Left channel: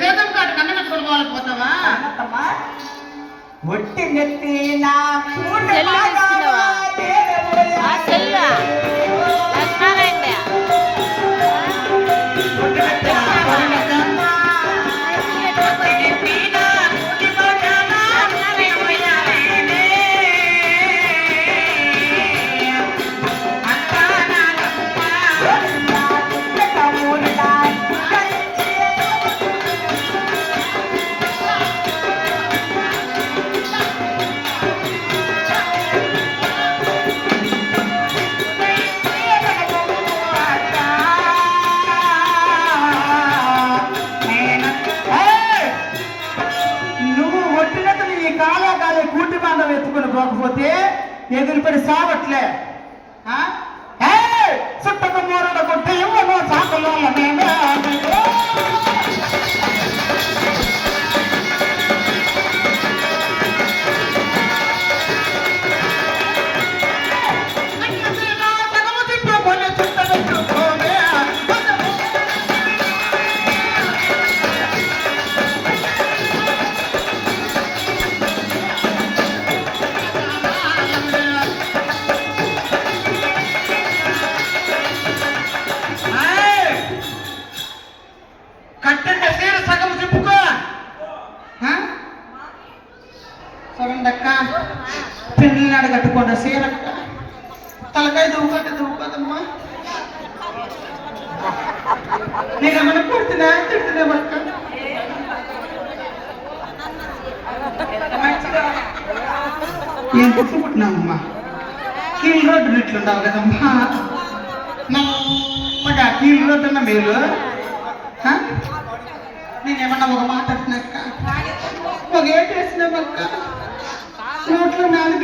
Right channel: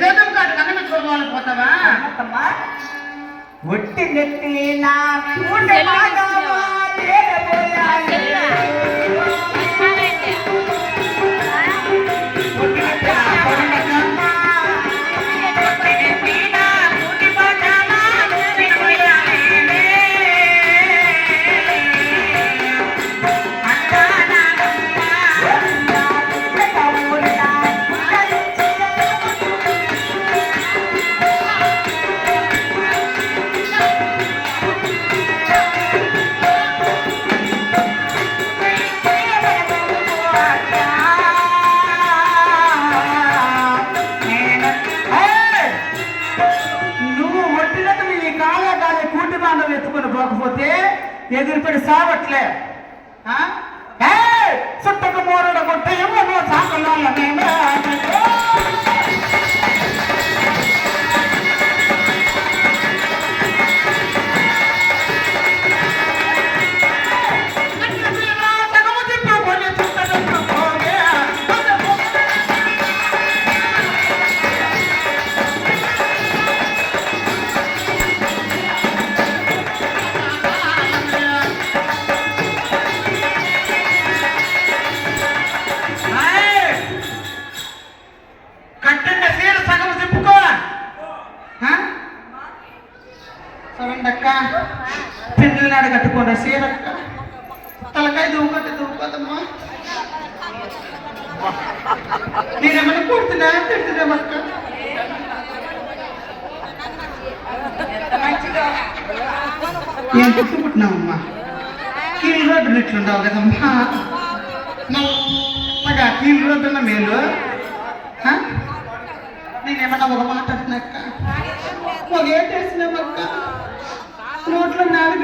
చేతం కాదు కన్ను పెట్టుకోవాలి పోతావా ఒట్టి నెత్తి నా పోకపోతే ఎదురుపడి సావట్లే చుట్టక మూడల కొట్టే సాకలో పిల్లనాడు కట్టుకున్న సీరక్క తలకాయ దువ్వుకోదమ్మా నేనేమైనా కొడుతున్నా తిడుతున్నామక్క ఏం పుట్టుకుంటున్నామమ్మా కీళ్ళ రోడ్డు ఇట్లుంటావు కదమ్మా నల్లగా కీళ్ళ రోడ్డు ఉన్న మేలు నేనేమన్నా ఒక మాట అంటున్నాక్క ఒక ఏటేసినామక్క నోట్లో 4